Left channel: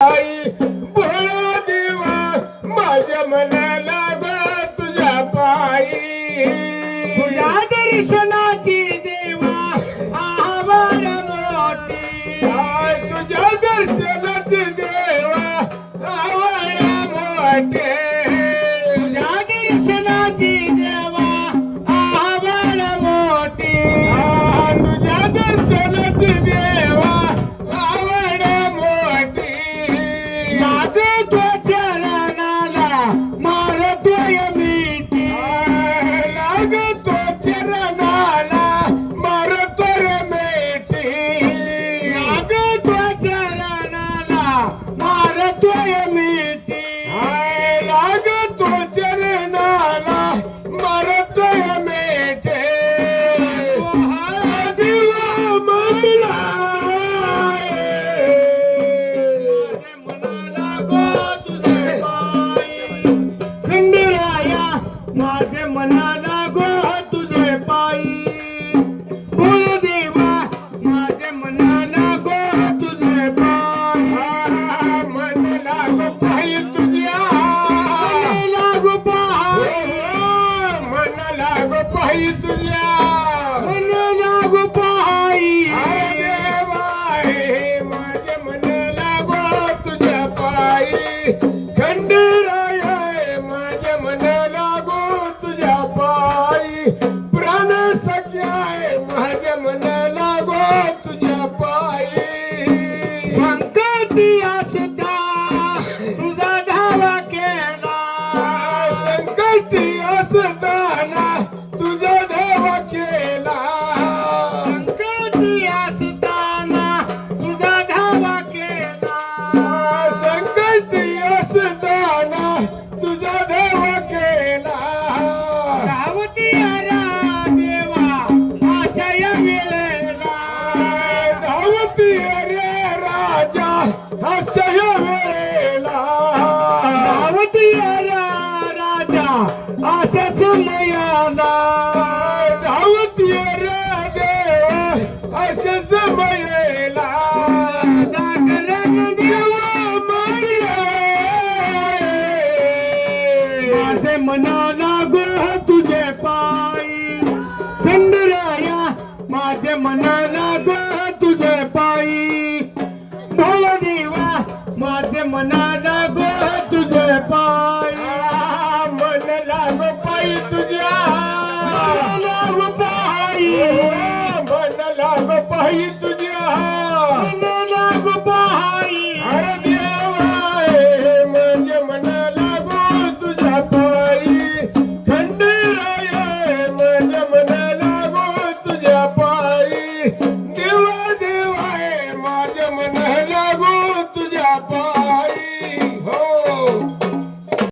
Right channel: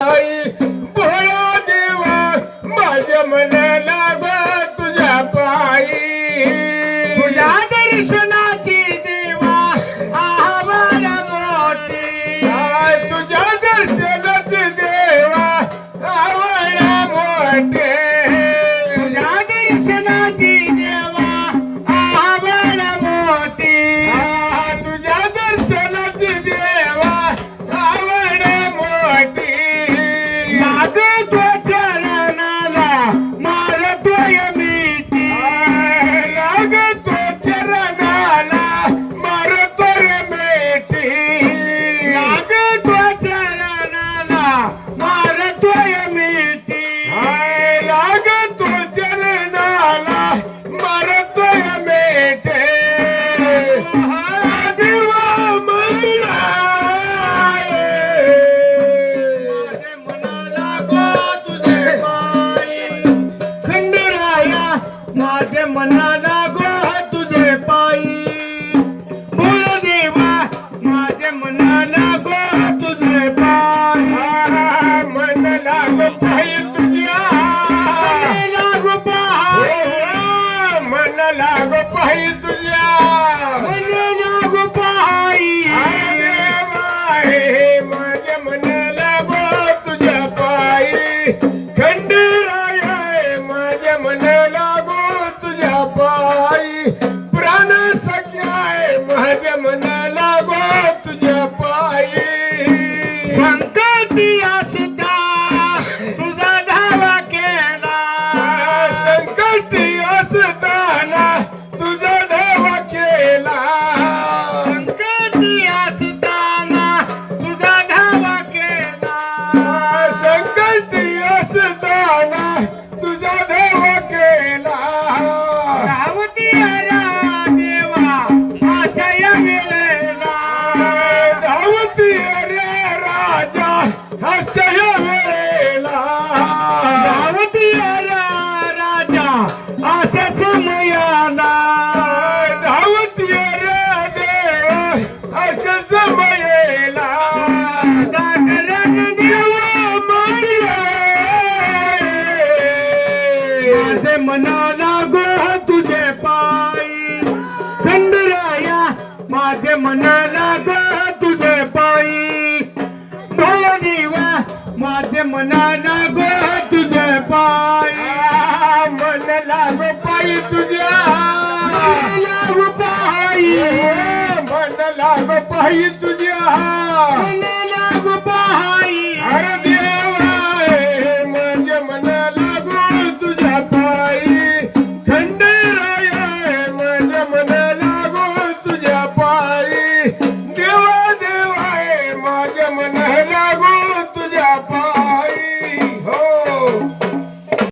आई भोळा देवा माझ्या मनाला ग तुझ्या पायी तुझ्या दर्शनाची देवा आभार मोठी तुझ्या दर्शनाची देवा आवड मोठे तुझ्या दर्शनाची देवा आभार मोठी तुझ्या दर्शनाची देवा आवड मोठी मागतो चरणाला मारतोय मिठी लागतो चरणाला मरतोय मेठी लागतो चरणाला मारतोय मिठी लागतो चरणाला मरतोय मेठे देवा मला मनाला गो तुझे पायी खंडराया माझे मनाला गो तुझे पायी देवा माझे मनाला गो तुझे पायी मन लाग पायी तुझ्या लाग पायी मन लाग पायी तुझ्या मन लाग पायी माझ्या मनाला गो तुझ्या पायी खंडराया माझ्या मनाला गो तुझ्या पायी प्राण सख्या माझ्या मनाला गो तुझ्या पायी संकटी असता तुझा धावा केला संकटी असताना तुझा धावा केला संकटी असताना तुझा धावा केला संकटी असताना तुझा धावा केला धावती हरा देवा आशय मिळेला धावती रे राजा हसय वेळेला धावती हरा राजा आशा समयाला धावती रे देव अशा समयेला जागरण देवा माझे मनाला गो तुझे पायी खंडराया माझे मनाला गो तुझे पायी भोळा देवा माझे मनाला गो तुझे पायी मन लाग पायी तुझ्या लाग पायी मन लाग पायी तुझ्या लाग पायी अरे देवा माझ्या मनाला गो तुझ्या पायी खंडराया माझ्या मनाला गो तुझ्या पायी देवा देवा माझ्या मनाला